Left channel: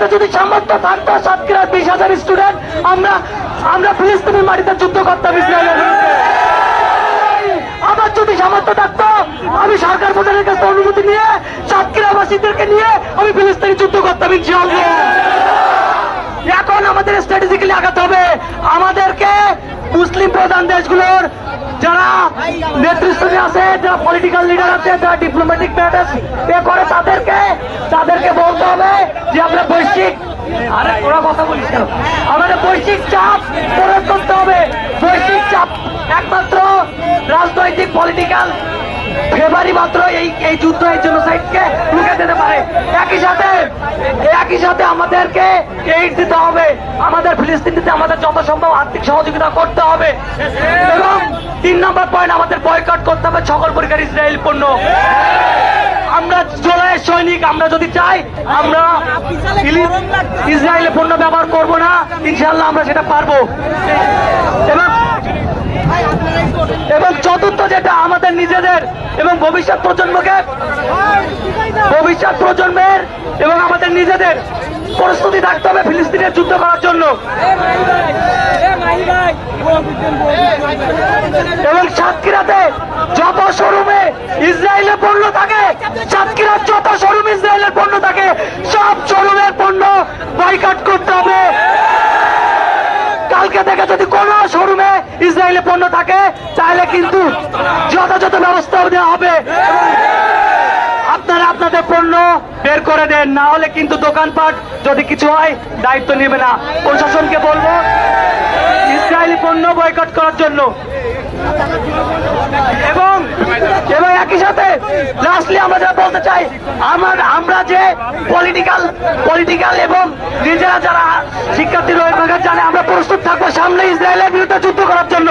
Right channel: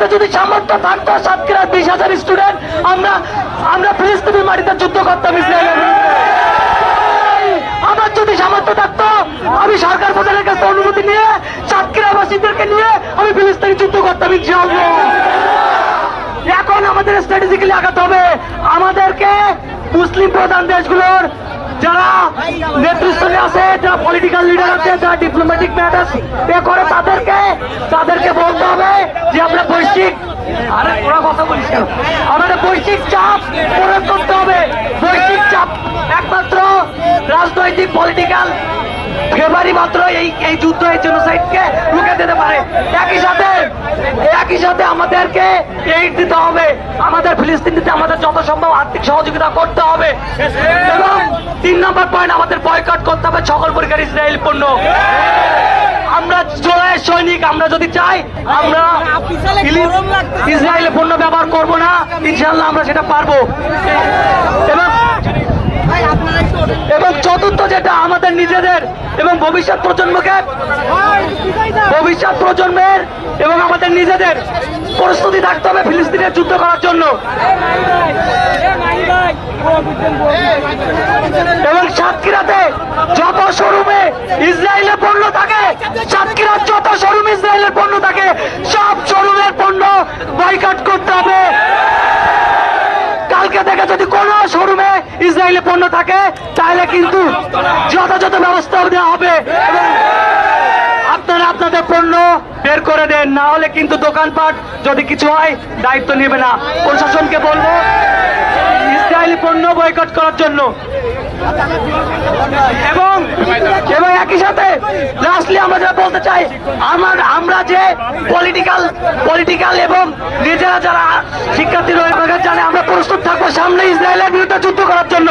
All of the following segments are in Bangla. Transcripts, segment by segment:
আমাদের যদি সামর্থ্য থাকতো সাতক্ষীরার 20,000 স্টুডেন্ট আমরা ফিলিস্তিনের মাটিতে যুদ্ধ করতাম ইসরায়েলের বিরুদ্ধে। আমার যদি সামর্থ্য থাকতো আমি সরকার প্রধানের কাছে অনুমতি নিয়ে সাতক্ষীরাবাসীদেরকে নিয়ে আমি ফিলিস্তিনে যুদ্ধ করতাম ইনশাআল্লাহ। এখন আমাদের স্ট্র্যাটেজিক্যালি আগাতে হবে। আমাদেরকে মুসলিম প্রধান দেশগুলোর যারা নেতৃত্বে আছে, যারা পলিটিক্যাল লিডার আছে, যারা ডিপ্লোম্যাটিক ম্যাটার করে তাদেরকে বলতে হবে যে আমরা বৈশ্বিক আমাদের বৈশ্বিক চাপ প্রয়োগ করতে হবে। বৈশ্বিক চাপ একমাত্র রাজনৈতিক পলিটিক্যাল ফেভারি মাত্র এই যুদ্ধ এই জেনোসাইডকে রুখে দিতে পারে। একই সাথে আমাদেরকে এইড দিতে হবে। আমাদের ফিলিস্তিনিতে আমাদের যত সম্ভব আর্থিক সহযোগিতা করতে হবে। এবং 3 নম্বর পয়েন্ট, আমাদের বয়কট করতে হবে সকল প্রকার ইসরায়েল পণ্য। আমরা জুলাইয়ের সৈনিক, আমরা যদি চাই আমরা ইসরায়েলের পণ্য ব্যবহার করবো না, ইনশাআল্লাহ আমরা সেটা পারবো। এবং চতুর্থ যেটা, আমাদের নিজেদের এবং ভবিষ্যৎ প্রজন্মের এবং আমাদের নিজেদের প্রস্তুতি থাকতে হবে ফিলিস্তিনের যুদ্ধ করার জন্য। এবং সাতক্ষীরাতে যত শোরুমে ইসরায়েলের পণ্য থাকে, সাতক্ষীরার যত শোরুমে ইসরায়েলের পণ্য থাকে, সব শোরুমের পণ্য বয়কট করতে হবে। কালকে থেকে যদি কোনো শোরুমে ইসরায়েলের পণ্য থাকে তাহলে কিন্তু যথাযথ ব্যবস্থা দেওয়া হবে। আপনারা আপনাদের পণ্য বের করে দেন, না হলে কিন্তু দোকানপাট যদি কিছু হয় দায়িত্ব নেবে না। প্রশাসনকে বলবো ইসরায়েলি পণ্য বয়কট করার জন্য। এবং একই সাথে লাস্টলি আমরা যা বলতে চাই, আমরা যে পলিটিক্যাল এবং নিজেরা যারা শিক্ষার্থী রয়েছে জানে আমরা প্রস্তুত থাকবো সামনে ইসরায়েলের বিরুদ্ধে যুদ্ধ করার জন্য।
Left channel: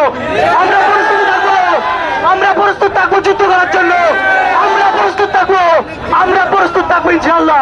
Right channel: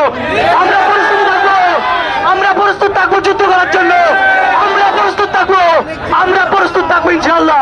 আমরা প্রস্তুত থাকবো যুদ্ধ করার জন্য। আমরা প্রস্তুত থাকবো ইনশাআল্লাহ।